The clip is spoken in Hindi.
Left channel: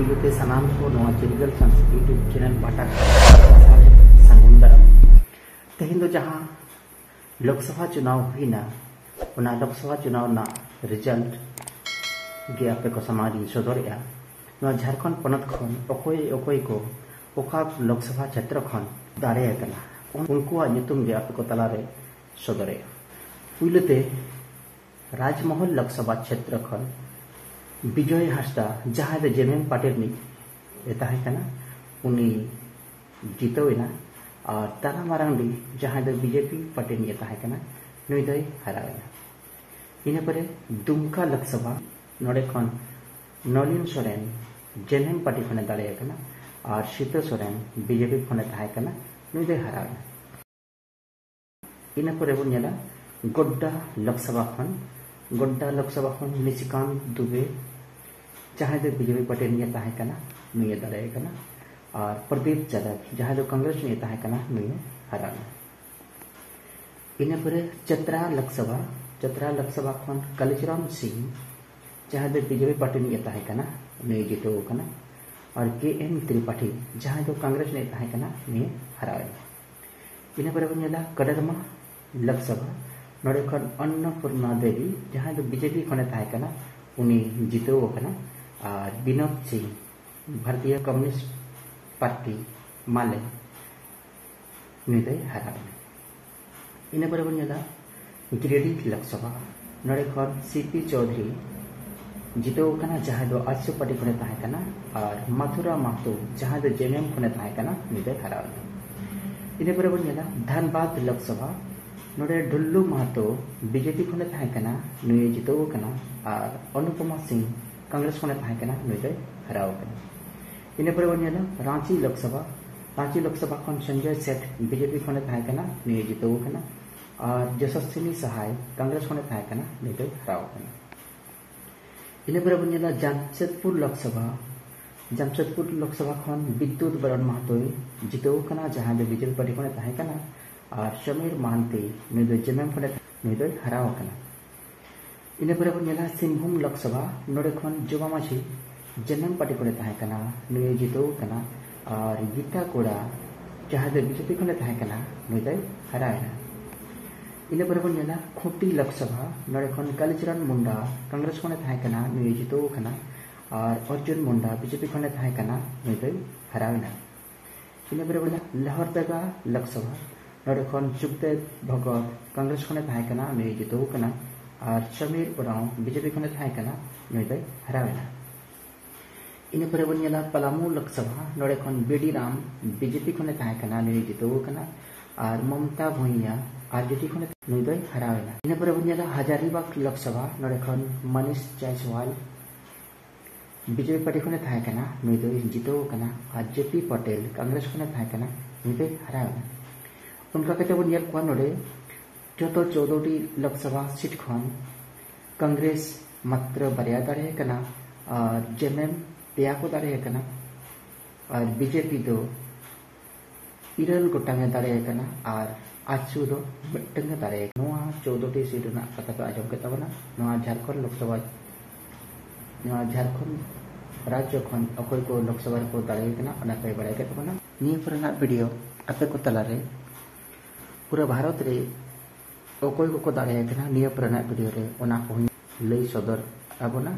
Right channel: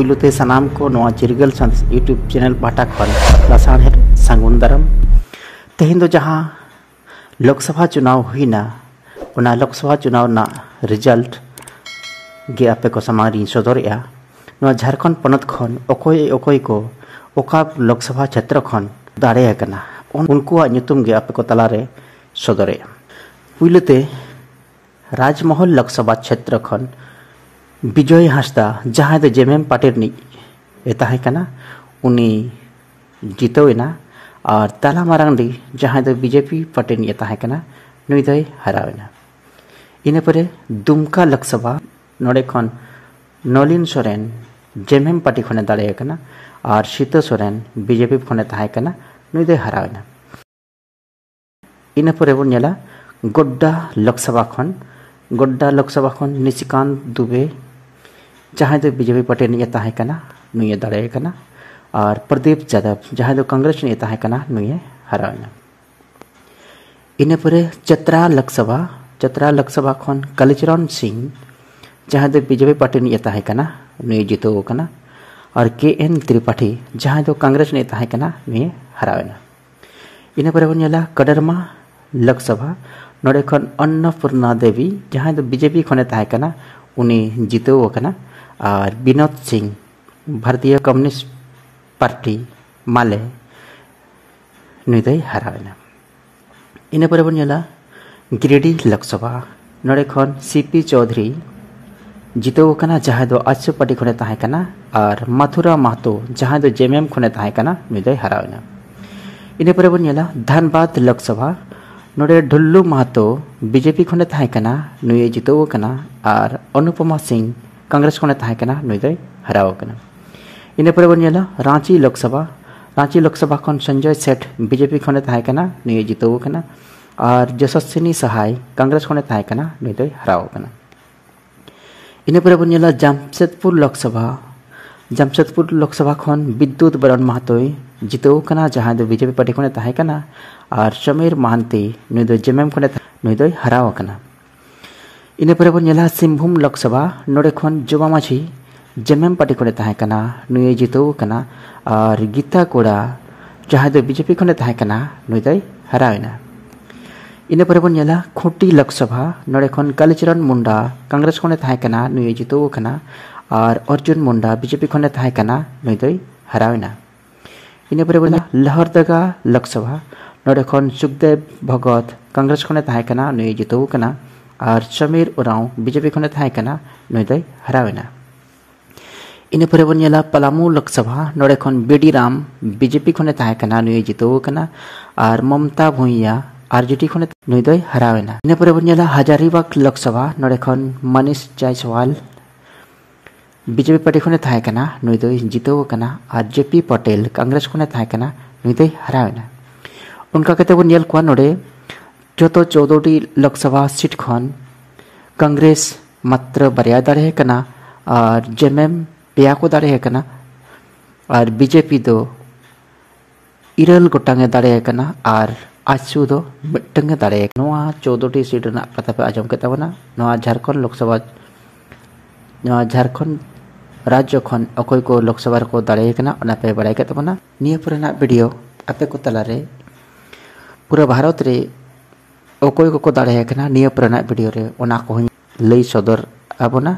पुलुते सनाम को नवा चिरगल संस यूट्यूब चैनल बाटा खन साढ़े सांगुन दाराम तेहिं दो जहाँ लोकसभा चुनाव हुईना उना लोकसभा चुनाव ना रिजल्ट गे आपे को समारी सदरया नवा झारखंड पनत खन ओकोय ओकोय को ओका लोकसभा क्षेत्र खन दाड़े कना उनको ᱧᱩᱛᱩᱢ गे आपे को तलारे सदरया पुलुते राजमहल लोकसभा क्षेत्र खन विजय हांसदा जहाँ दो जेएमएम पार्टी नि ताहे कना उनी जितोना और ताला मारांडी जहाँ दो बीजेपी पार्टी नि ताहे कना नुई दो हरावेना इने परे दुमका लोकसभा नोडे खन नलिन सोरेन जेएमएम पार्टी खने दाड़े कना और सीतो सोरेन बीजेपी खने ताहे कना नुई दो हरावेना इने परे बन नेला गोड्डा लोकसभा खन निशिकांत दुबे जहाँ दो बीजेपी पार्टी नि ताहे कना नुई दाड़े कना और प्रदीप यादव जहाँ दो कांग्रेस नि ताहे कना नुई हरावेना इने परे चतरा लोकसभा खन कालीचरण सिंह जहाँ दो बीजेपी पार्टी नि ताहे कना नुई जितो कना और KN त्रिपाठी जहाँ दो कांग्रेस नि ताहे कना नुई हरावेना इने परे बन नेला कदरमा लोकसभा नोडे खन अन्नपूर्णा देवी जहाँ दो बीजेपी खने ताहे कना उनी जितो कना और विनोद सिंह भारतीय कम्युनिस्ट पार्टी माले नुई दो हरावेना इने परे बन नेला गिरिडीह लोकसभा नोडे खन CP चौधरी जितो कना जहाँ दो आजसू पार्टी खने ताहे कना और मथुरा महतो जहाँ दो जेएमएम खने ताहे कना नुई दो हरावेना इने परे बन नेला धनबाद लोकसभा नोडे ढुल्लू महतो बीजेपी खने ताहे कना नुई जितो कना और अनुपमा सिंह कांग्रेस खने ताहे कना नुई दो हराव कना इने परे बन नेला रांची लोकसभा खन संजय सेठ बीजेपी खने ताहे कना नुई जितो कना और यशस्विनी सहाय कांग्रेस खने ताहे कना नुई दो हराव कना इने परे बन नेला जमशेदपुर लोकसभा खन विद्युत बरण महतो जितो कना जहाँ दो बीजेपी पार्टी खने ताहे कना और समीर महांती नुई दो जेएमएम खने नुई दो हराव कना इने परे बन नेला सिंहभूम लोकसभा नोडे खन जोबा माझी जेएमएम पार्टी खने ताहे कना नुई जितो कना और गीता कोड़ा जहाँ दो बीजेपी खने ताहे कना नुई दो हरावेना इने परे बन नेला खूंटी लोकसभा नोडे खन कालीचरण मुंडा कांग्रेस खने ताहे कना नुई जितो कना और अर्जुन मुंडा बीजेपी खने ताहे कना नुई दो हरावेना इने परे बन लहरदगा लोकसभा नोडे खन सुखदेव भगत कांग्रेस खने ताहे कना नुई जितो कना और समीर उराव बीजेपी खने ताहे कना नुई दो हरावेना इने परे बन नेला पलामू लोकसभा नोडे खन बीडी राम बीजेपी खने ताहे कना नुई जितो कना और ममता भुइया RJD खने नुई दो हरावेना इने परे बन नेला हजारीबाग लोकसभा नोडे खन मनीष जायसवाल बीजेपी पार्टी खने ताहे कना नुई दो जितो कना और JP पटेल कांग्रेस खने ताहे कना नुई दो हरावेना उनका कहते वो नेल को नोडे जो तो 14टी लोकसभा सीट खन कांग्रेस मात्र बारिया दाड़े कना और जेएमएम पेया को दाड़े कना और बीजेपी दो इरल गोटांगे दाड़े कना और आजसू दो मिट्टंगे दाड़े नोआ 14टी सीट ना कथा पे आजम केता बना नोआ झारखंड लोकसभा नोआ झारखंड राज्य खन अकोय को लोकसभा को दाड़े कना ओना पे बड़ाय केता बना निया पुराना वीडियो आपे को तलारे पूरा भारत रे अकोय को दाड़े कना निया पुराना वीडियो रे ओना को लई सदर आबोना